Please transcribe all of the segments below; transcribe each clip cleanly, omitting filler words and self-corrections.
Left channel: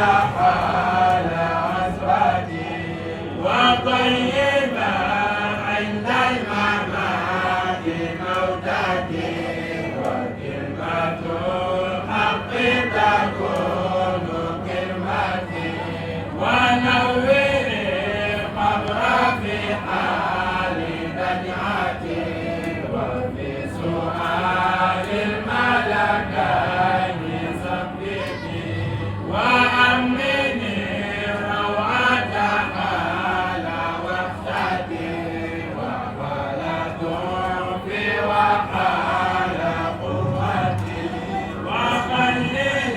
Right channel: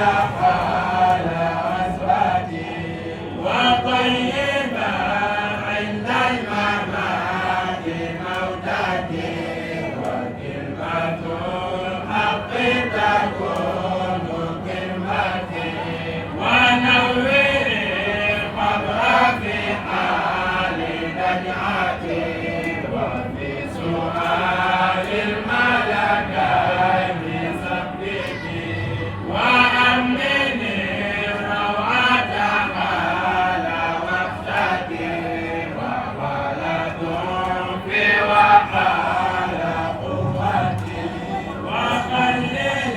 حال أسرتي وطيبا عند الممات موتتي وكلمة الحق تكون كلمتي ونور القبر في حال رجعتي وفي سؤال الملكين ثبتي وأمني روعة حال وقتي وولد في وحال قوتي وخلل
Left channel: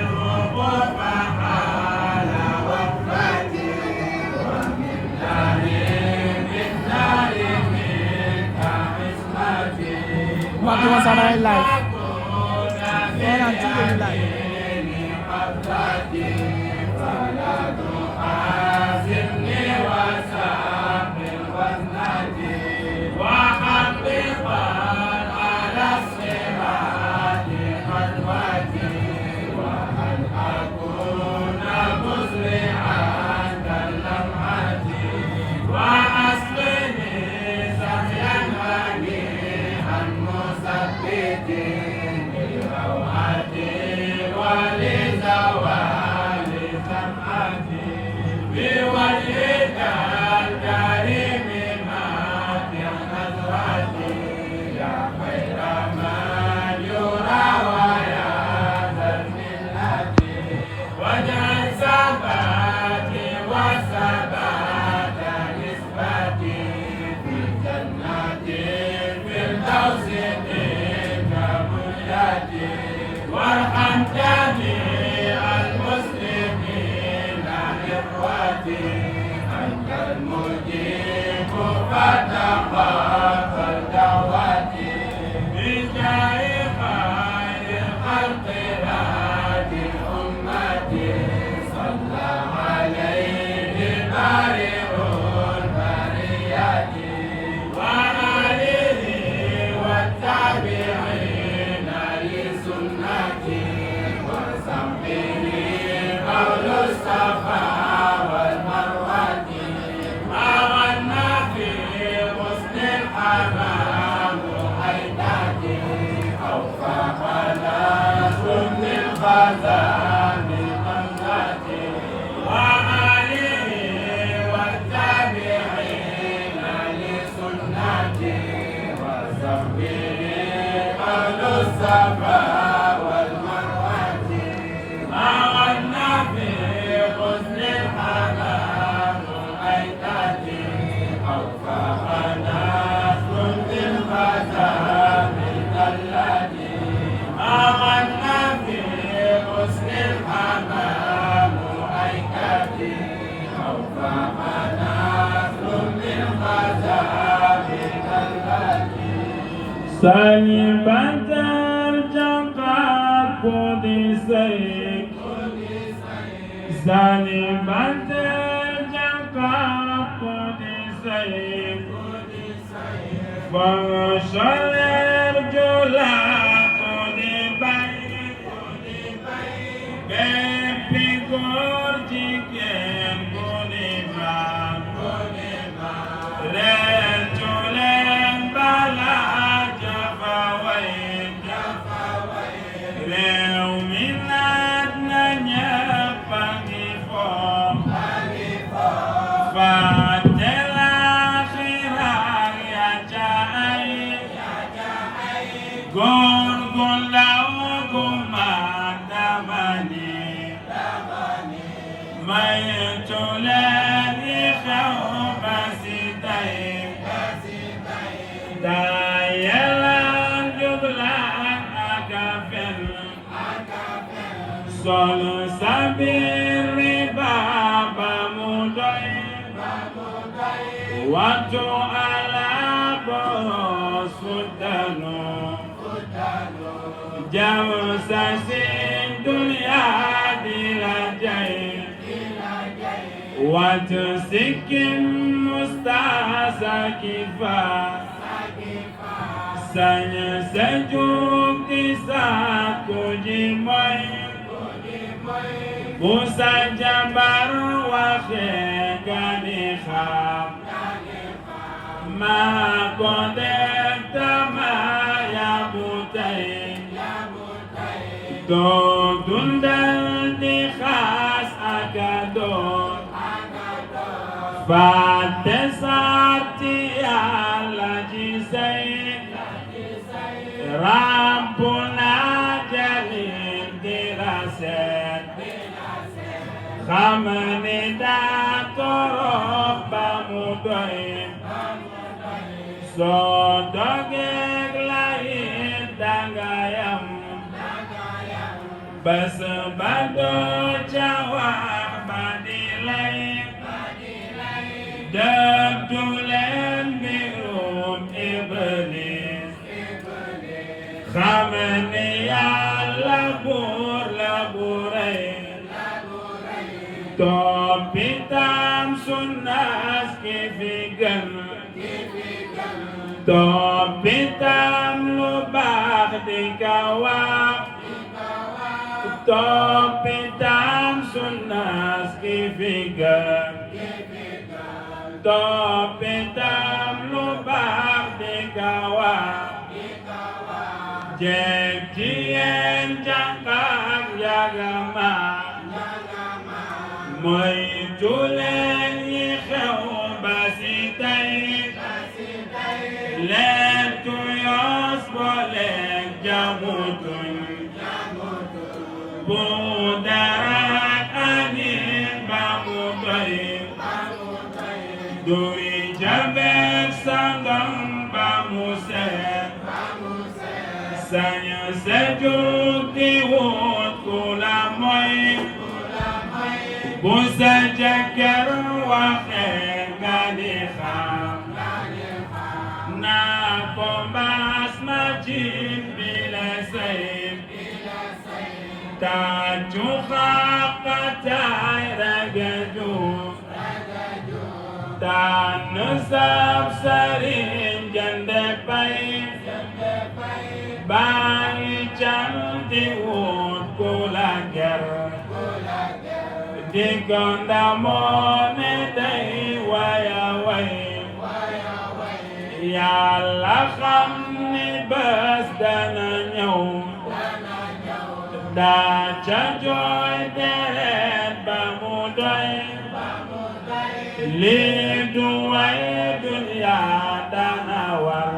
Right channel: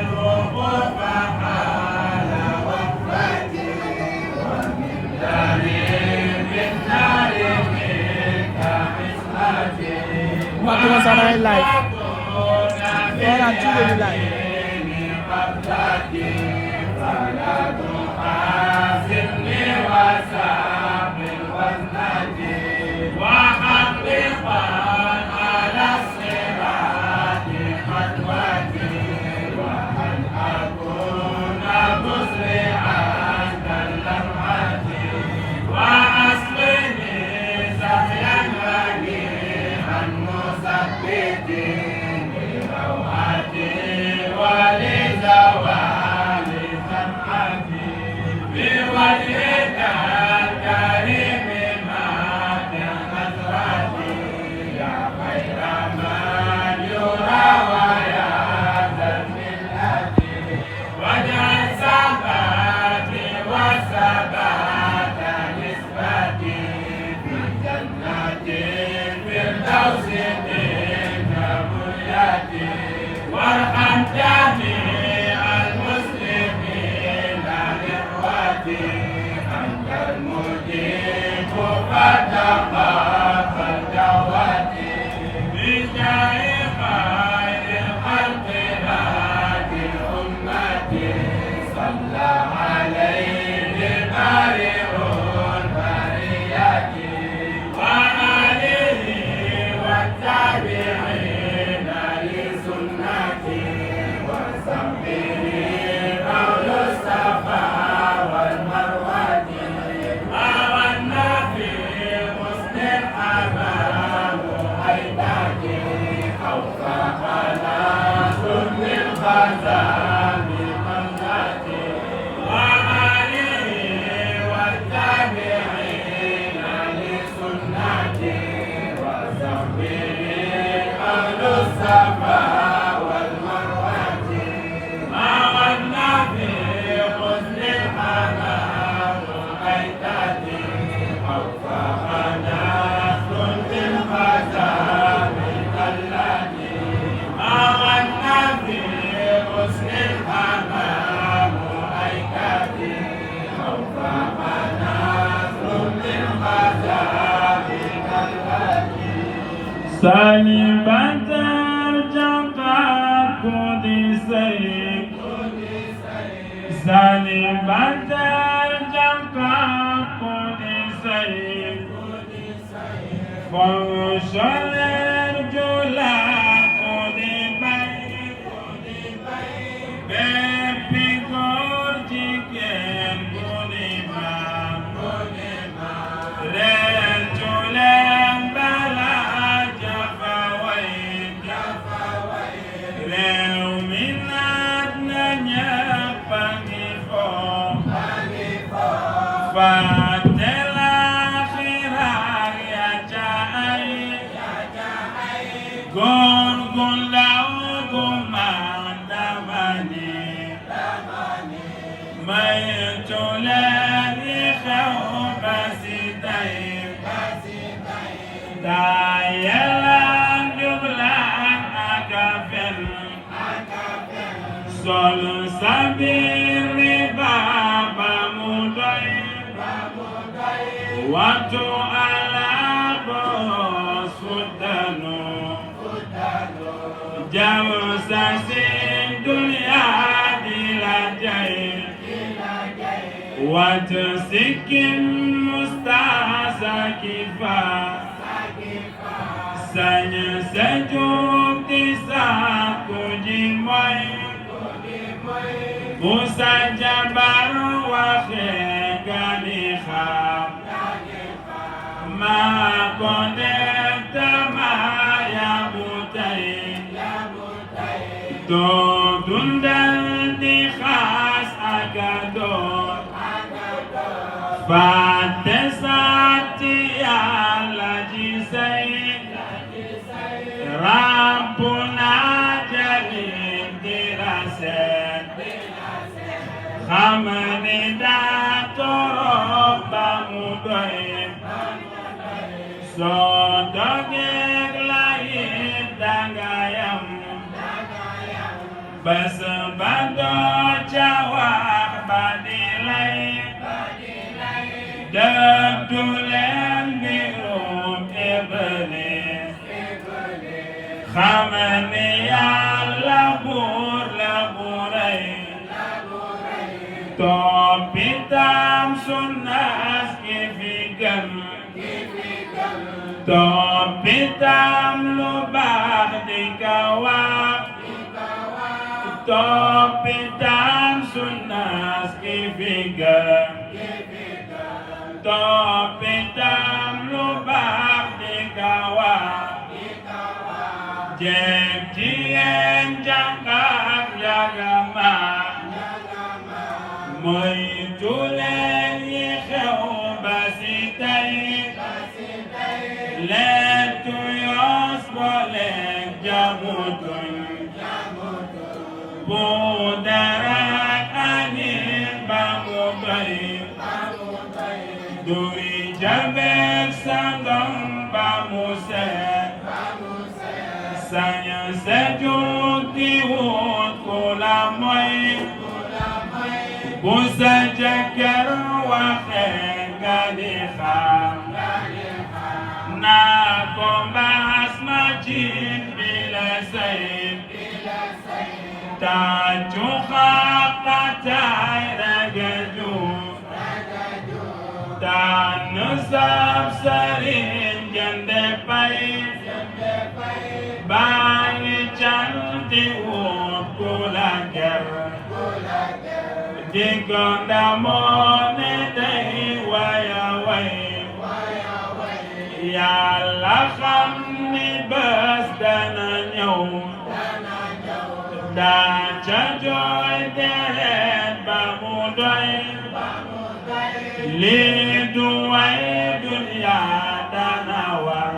الرقوق حال وقفتي ومن دليل النار منك عصمتي Mga sana yung live. Kaya lang, tuloy yung live. وارحم جميع المسلمين إخوتي أنت المجيب فتقبل دعوتي بجاه خير الخلق هادي أمتي صلى عليه بارئ البرية وآله والتابعين لسنتي وصحبه قول الصفا والمروة وغنى في حسن الحمام حيدتي أوفقنا ثم الخزان بمنتي وآله والتابعين لسنتي وصحبه قول الصفا والمروة ما غنى في حسن الحمام حيدتي أوفقنا ثم الخزان التي ما غنى في حسن الحمام حيدتي أوفقنا ثم الخزان التي سالبة الجبار قدسي سالبة الجبار قدسي فوشل الرجل Bepi gorji kem bonima Rejulem bala jafawai Reu minat nanya pangifo Fatela khirang ya jai Gon gon lau gumandamani Mayatulani khawbasitaim Dayalang jublaan agafel Solo sabiri baba mudai Waktu ala bos futanu Jauh sasin dunia dilajai Watusikim mustahasa kifa Sanya sejuk di saku jimai Musa jabar waxee xam ma ko def tama yabu tay doo dundal di xaas ak doon fàtte sarti Yàlla ji say Rabbuna jalil di raset xam ni daa torop ba mu doy soo dogeeg la it danga yam bas ba doo ca wax ba di lay dëddu leen mbirum Iblis xam ni Yàlla buur la bu rëy toppitam sunnas ki fi gën toppitam lu baax di ka wax toppitam sunnas ki fi gën toppitam lu baax di ka wax jeeg jigéen jànqam jagama moytu leen yi xew ba si tey lettu yoos booleeg jamutuñ bu dara anin ba mu doy duy jabeek sangam ba mu seet saña se jug di wut ku la moy bu sa jëkkër waxee nga di xam naa ko mbaas ma ci bi la sayt tàccu xaqataay ragaju tànn sab sëriñ jënde pay bàyyi cal di wut ku la ger diggante moo ne day waya way Yàlla xam ni bés dana ñëw daa ca jooy deret ba mu doy lii du way dunya dana war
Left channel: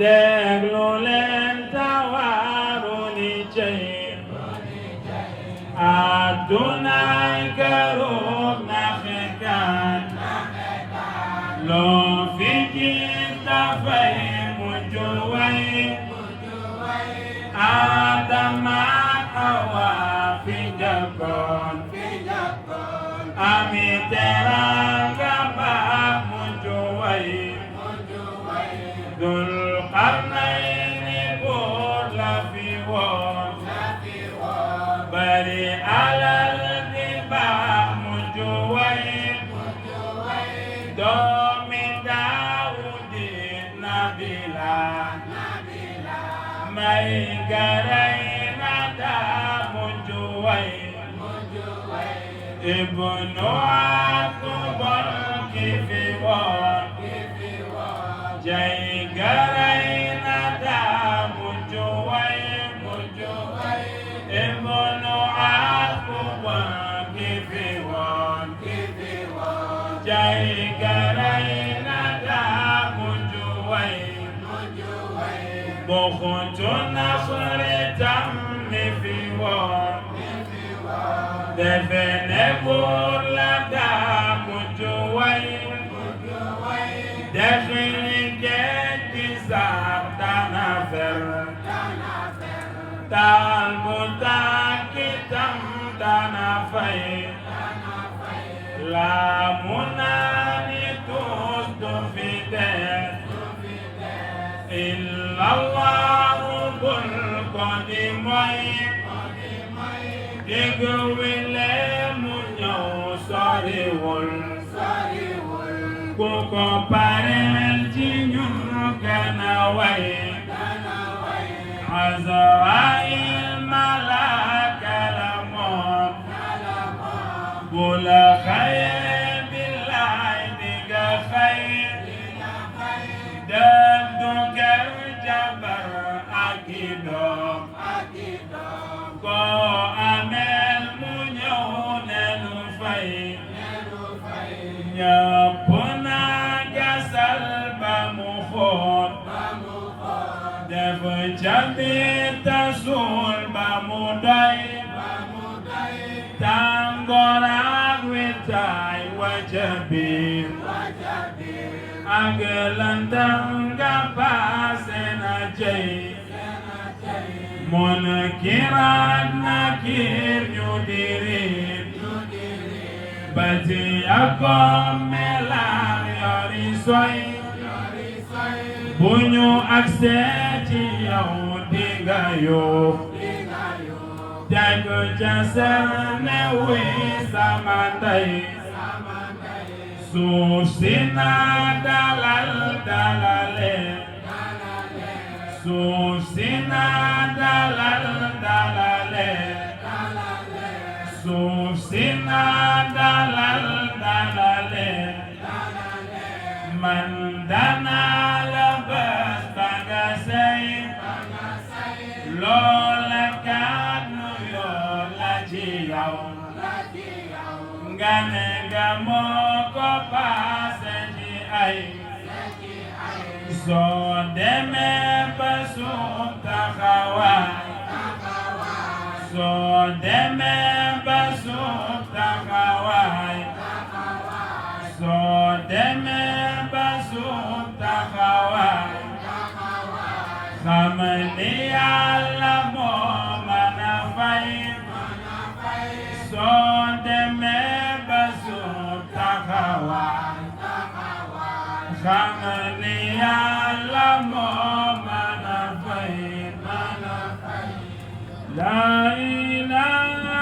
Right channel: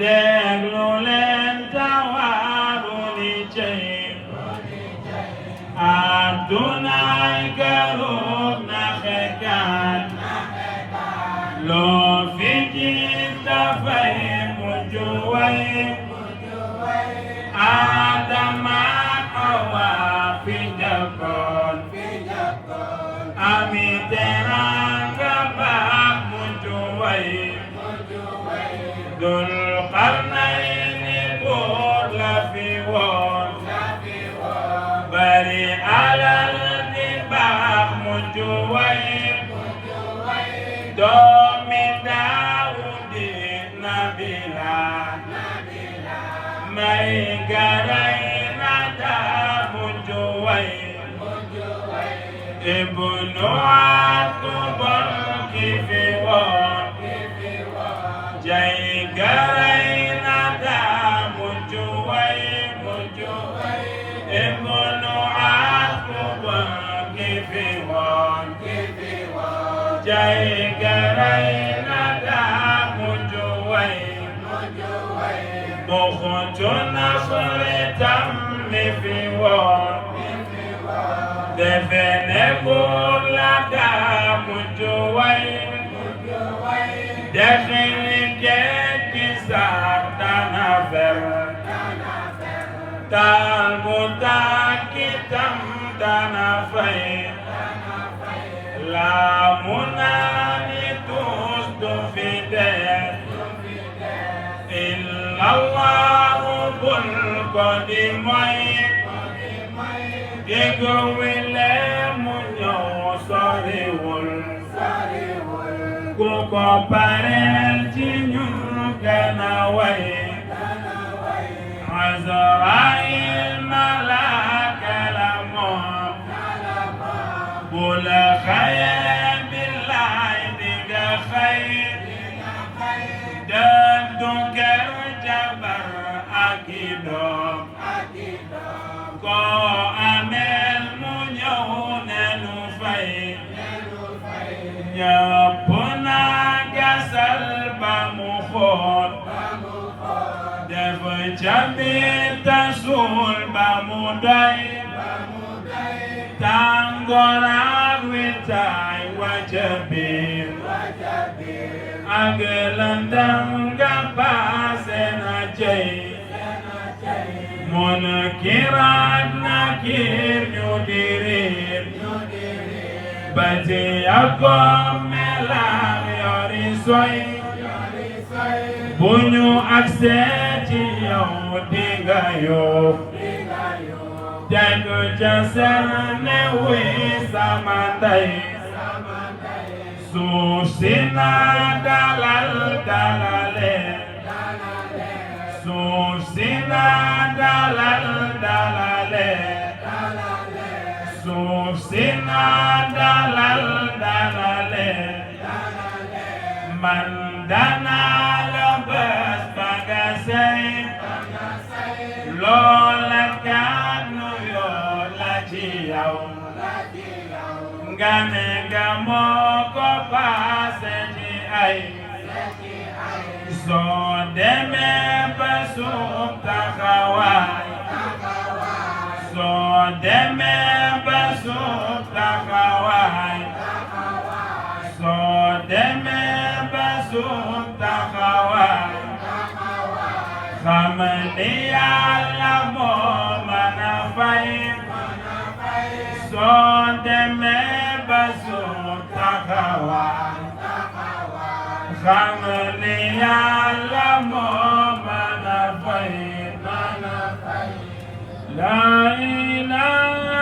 déglu leen tawaaru ni cey adunay garuk naxekaan loo fi gis dafay mujj way Adama Hawa fi njëkkoon ami teraanga baax mujj way Dul Qarnayni buur la fi woon bari alal di baax mujj way doomi Daawudi Nabila may garay na daa mujj way Ibnu Akbar ki fi woon jay garay na daa mujj way Ibnu Akbar ki fi woon jay garay na daa mujj way Buxtu Nasri tam mi fi woon defe ne buur la daa mujj way dexili géej gi sax dana fer taal mu tàkki tam dana fay laa mu naani tuus du fi def Allahu bul ko di moy Digu wile mu ñëw soriwul ku ko pareel ci ñun gën a way Azraayil malaaka la كل خير بالله ديغا خير دندو ker jabar akidom ko amel mu ñëw nenu fay ñëpp na gasal ba mu xool def camita suul ba mu doy tàngoor ak witaay wàcca biir ak lëndëm nga paase na cey mon kiraat na kiir ñu diriir bati ak melar yori soy bu ñu agsee ci yow dinga yuux tegu ca seen ne wi sama ndey suuf si na dalal dalale suuf si na dalal dalale suuf si na dalal dalale man dana la bés ba nga sey loola kàddu yoo la ci yow nga ne nga moo ko paase ci ay soo demee ba suuf taxawaay soo demee ba suuf taxawaay soo demee ba suuf taxawaay xam ni Yàlla moo mën a fay soo demee ba suuf taxawaay xam ni Yàlla moo mën a fay la ilaha